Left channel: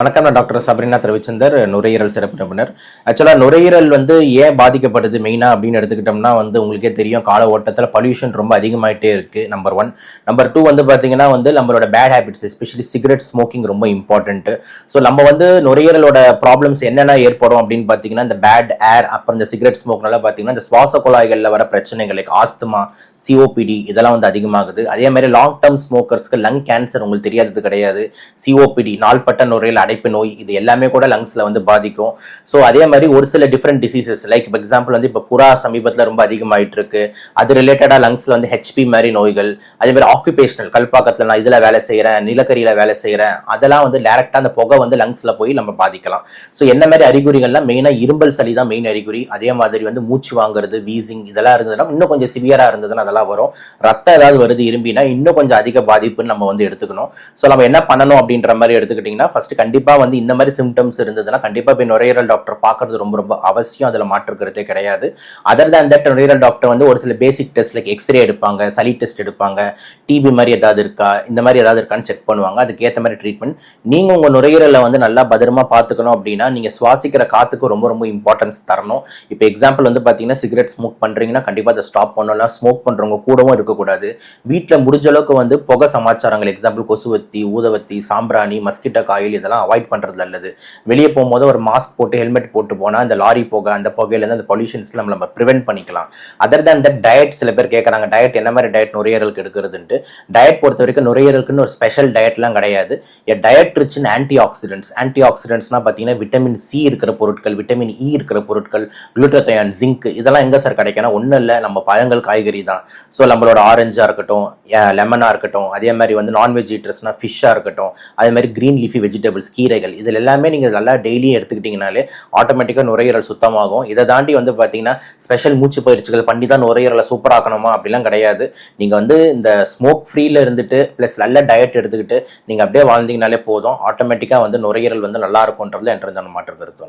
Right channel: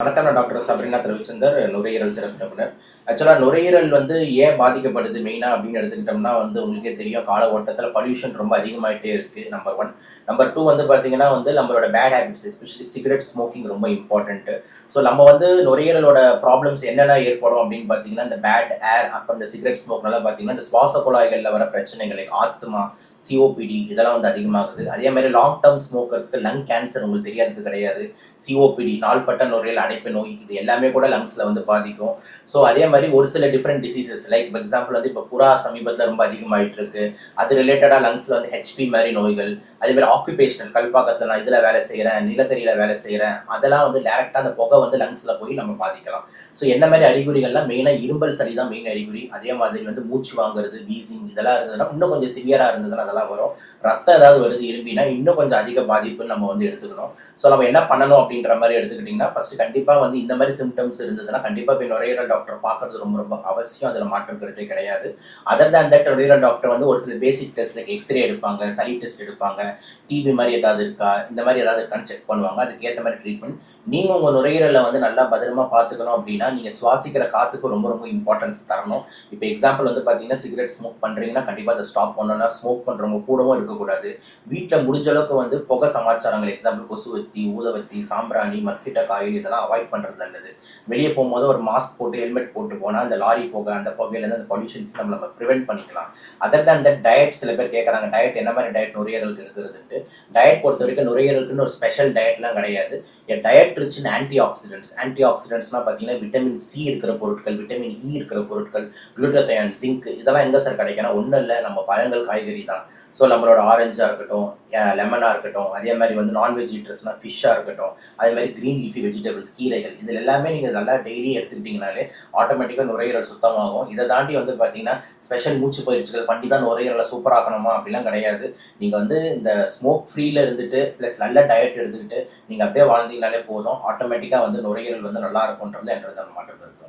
வணக்கம் நான் doctor Sabrina Ravichander நுரையீரல் சிறப்பு நிபுணர். ஆக்சுவலாக நுரையீரல் வந்து ஏன் பாதிக்கப்படுது மெயினாக அப்படின்னு எடுத்துக்கிட்டோம்னா வந்து உங்களுக்கே தெரியும் கால ஓட்டத்தில் பொல்யூஷன் ரொம்ப அதிகமாகிட்டே இருக்குது நம்பர் ஒன் நம்பர் டூ வந்து பார்த்தீங்கன்னா வந்து நம்மளோட bad habits especially cigarette smoking ரொம்ப இம்பார்ட்டன்ட்டு ஸோ நம்ம வந்து நுரையீரலோட ப்ராப்ளம்ஸ் என்னென்ன ஏற்படும் அப்படின்னு பார்த்தீங்கன்னா இந்த பேட் ஏர் அப்புறம் இந்த சிகரெட் ஸ்மோக்னால பார்த்தீங்கன்னா இந்த சுவாச குழாய்களில் வர பிரச்சனைகள் லைக் ஆஸ்துமா சிஓபிடி இதெல்லாம் வந்து அதிகமாகுது. அதே மாதிரி லாங் டேர்ம் ஸ்மோக்கர்ஸ்க்கு லங் கேன்சர் உங்களுக்கு தெரியாதது கிடையாது. சிஓபிடி நாள்பட்ட நுரையில் அடைப்பு நோய் இது எல்லாமே கூட லங்ஸ்ல வந்து பாதிக்கும். ஸோ அதே மாதிரி ஒரு சில டிஃப்ரெண்ட் டிசீசஸ் லைக் இப்போ எக்ஸாம்பிள் வந்து இப்போ புறா சமீபத்தில் ரொம்ப அதிகமாயிட்டு இருக்கு அது ரிலேட்டடாக லங்ஸ்ல வந்து ஹெச்பி மாதிரி நோய்கள் அதே மாதிரி ஆக்குபேஷனல் கல்பாக்கத்தில் நான் இதில் வேலை செய்கிறேன் நிலக்கரியில் வேலை செய்கிறேன் அதெல்லாம் வந்து டேரெக்டாக அந்த புகை வந்து லங்ஸ்ல போய் நம்ம பாதிக்கலாம். ஸோ என்ன மாதிரி அறிகுறிகள்லாம் மெயினாக இரும்பல் சளி தான் மெயின் அறிகுறி. அதே மாதிரி வந்து மூச்சு வாங்குறது வீசிங் இதெல்லாம் இருந்ததுன்னா இன்னும் கொஞ்சம் சிவியராக இருந்ததுன்னா அதெல்லாம் வரும். ரத்தம் ஏதாவது வருது இரும்பினா இன்னும் கொஞ்சம் அதிக பாதிப்புன்னு நம்ம வந்து எடுத்துக்கணும். ஸோ நம்ம என்ன பண்ணணும் அப்படின்ற மாதிரி எடுத்துக்கிட்டிங்கன்னா ஃபர்ஸ்ட் கண்டிப்பாக கண்டிப்பாக வந்து இந்த மாதிரி சிம்டம்ஸ் இருந்ததுன்னா கண்டிப்பாக போய் நுரையீரல் டாக்டர் பார்க்கறது ரொம்ப ரொம்ப அவசியம். அதில் மாற்றுக்கிறதே கிடையாது. அதர் தான் தட் நுரையீரல் டாக்டர் வந்து ஒரு சில பேசிக் டெஸ்ட் லைக் எக்ஸ்ரே எடுப்பாங்க சளி டெஸ்ட் எடுப்பாங்க டிபி மாதிரி ஏதாவது இருக்கா இந்த மாதிரி ஏதாவது இருக்கான்னு செக் பண்ணுவாங்க. அதுக்கேற்ற மாதிரி ட்ரீட்மெண்ட் நீங்கள் உங்கள் நுரையீரலை வந்து நல்லா பத்திரமா பார்த்துக்கணும் அப்படின்னா நீங்கள் சுவாசிக்கிற காத்துக்கு ரொம்ப ரொம்ப இம்பார்ட்டன்ஸ் தரணும். இப்போ எக்ஸாம்பிள் வந்து பார்த்தீங்கன்னா சிகரெட் ஸ்மோக் பண்ணுறீங்கன்னா கண்டிப்பாக அதை ஸ்டாப் பண்ணலாம். ஸ்மோக் பண்ணுறவங்க கூடவும் இருக்கக்கூடாது. வீட்டில் முடிஞ்ச அளவுக்கு வந்து புகை சமாச்சாரங்கள் எக்ஸாம்பிள் கொசுவத்தி ஊதவத்தி சாம்பிராணி மஸ்கிட்டோ காயில் இதெல்லாம் அவாய்ட் பண்ணுறது நல்லது. வெளியே போகும்போது ஒரு மாஸ்க் போட்டு ஹெல்மெட் போட்டு போனால் அந்த லாரி போக அந்த புகையிலேருந்து அந்த பொல்யூஷன்ஸ்ல நம்ம நம்ம ப்ரிவென்ட் பண்ணிக்கலாம். அதர் தேன் தட் டயட் சில பேர் கேட்குறாங்க டயட் என்ன மாதிரி டயட் நுரையீரலுக்கு எடுக்கிறதுன்ட்டு. டயட் பொறுத்த வரைக்கும் நுரையீரலுக்குன்னு ஒரு ஸ்பெஷல் டயட்லாம் கிடையாது. A diet rich in antioxidants anti ஆக்சிடென்ட்ஸ்னா பார்த்தீங்கன்னா விட்டமின் சி இருக்கிற பொருட்கள் விட்டமின் இ e இருக்கிற பொருட்கள் குளுட்டத்தையான் ஜிங்க் இதெல்லாம் எங்கே சார் கிடைக்கணும் ஒன்றும் இல்லை நம்ம பழங்கள் காய்கறி தான். ஸோ நம்மளோட ஆரஞ்சாக இருக்கட்டும் லெமனாக இருக்கட்டும் அதே மாதிரி வந்து நான்வெஜ் ஈட்டர்ஸ்னால் ஃபிஷ்ஷாக இருக்கட்டும் அதே மாதிரி க்ரீன் லீஃபி வெஜிடபிள்ஸ் கீரைகள். இதில் எல்லாமே நீங்கள் நல்லா டெய்லியும் எடுத்துக்கிட்டிங்கனாலே ஆட்டோமேட்டிக்காக நுரையீரல் சுத்தமாகும். இதை தாண்டி வந்து பார்த்தீங்கன்னா ஸ்பெஷல் மூச்சு பயிற்சிகள் பண்ணி தான் நுரையீரலை சூப்பராக்கணுமா அப்படிலாம் கிடையாது. நீங்கள் வந்து இந்த ஸ்மோக் ஃப்ரீயில் இருந்துட்டு ப்ளஸ் நல்ல டயட் எடுத்துக்கிட்டு நீங்கள் அப்படியே வாழ்ந்தீங்கனாலே போதும். ஆட்டோமேட்டிக்காக வந்து நுரையீரல் வந்து நல்லா இருக்கும்ன்றது என்ற மாற்று கருத்து